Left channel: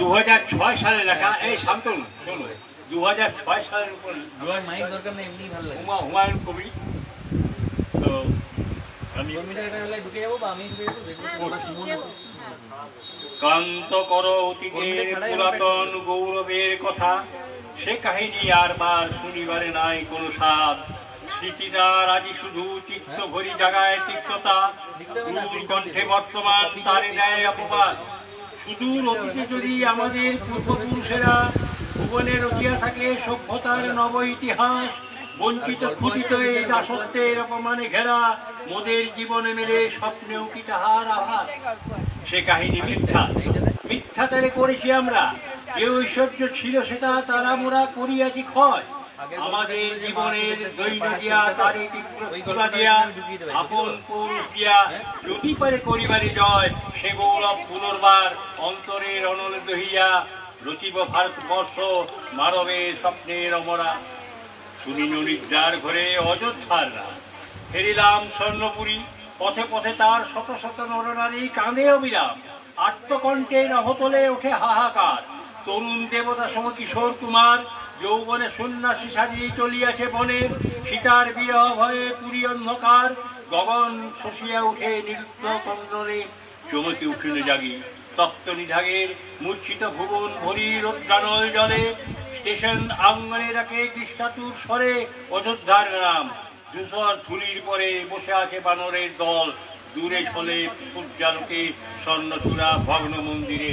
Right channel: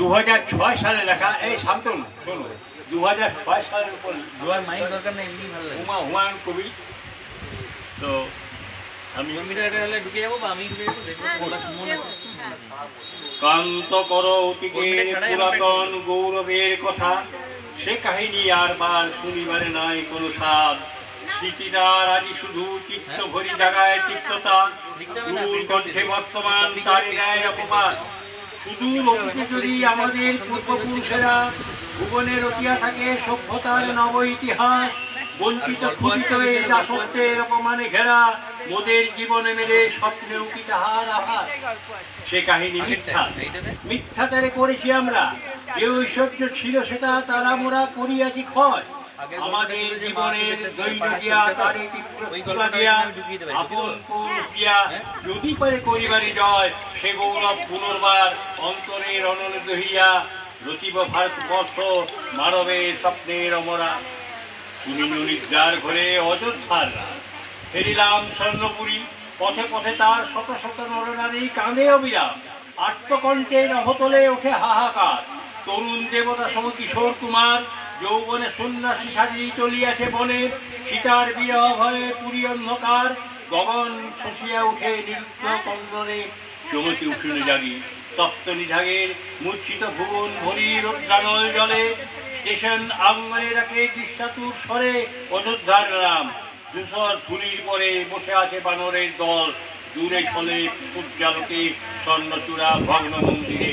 2006 সালে লেখা। এই শান্তনু শোনো, 2006 সালের উপর হুমায়ুন কবির। তো আমি ক্লান্ত করো অতীতের পুরাতন গৌরবের কথা, সে কাহিনী আর বার শুনিবারে নাই কোনো স্বাদ। স্মৃতিটার আজি শুধু চিত্ত ভরি জাগায় তিক্ততা, কণ্ঠে বর্তমান তার ন্যায় অপমান। সুদূর অতীতে যদি আমাদের পূর্বপুরুষেরা ভুবনে রচিয়া থাকে সভ্যতার নব ইতিহাস, বঞ্চিত ক্ষুদিত এই দাসত্বের অপমানে ঘেরা মোদের জীবনে মেলে স্বপ্নেও কি তাহার আভাস। সে কাহিনী মিথ্যা, মিথ্যাচারে করেছি আমরা। যে ঐশ্বর্য ছিল সেটা তারা মোরা করিয়াছি ক্ষয়। আমাদের জীবনের দৈন্য দিয়া তারে তীব্রতা দিয়া আপন পৌরুষ দিয়া যদি পারে করিবারে জয়, সে গৌরব পুনর্বার অন্তরের অনল দহিয়া রচিব ভারতবর্ষ মানবের স্বপ্নের অমরা। শুনিনু নিদ্রার ঘরে অযোধ্যার রাত, ফেরিলাম স্বর্ণপুরী। পথে পথে তার শত শত নরনারী কাঁদে অবিরাম, আত্মকণ্ঠে নহতলে ওঠে হাহাকার। তরুণ দেবতা সম কিশোর কুমার যৌবনে সন্ন্যাসী সাজিয়ে চলিয়াছে বনে। সীতার বিরহ ভয়ে পুরী অন্ধকার, গগন শশিয়া উঠে নিরুদ্ধ কন্দরে। চমকি উঠিল জাগি তপ্ত নিধাগের মূর্ছিত ভুবন ভরি রৌদ্রানল জলে। স্টেশন আঙ্গনে রাখে দৃষ্টাতুর স্বরে অযোধ্যার নাম। ধূসর ধুলির পরে বসে আছে বানরের দল, দূরে ফলে সূর্যালোকে স্বর্ণচূড়া ভগ্ন মন্দিরে।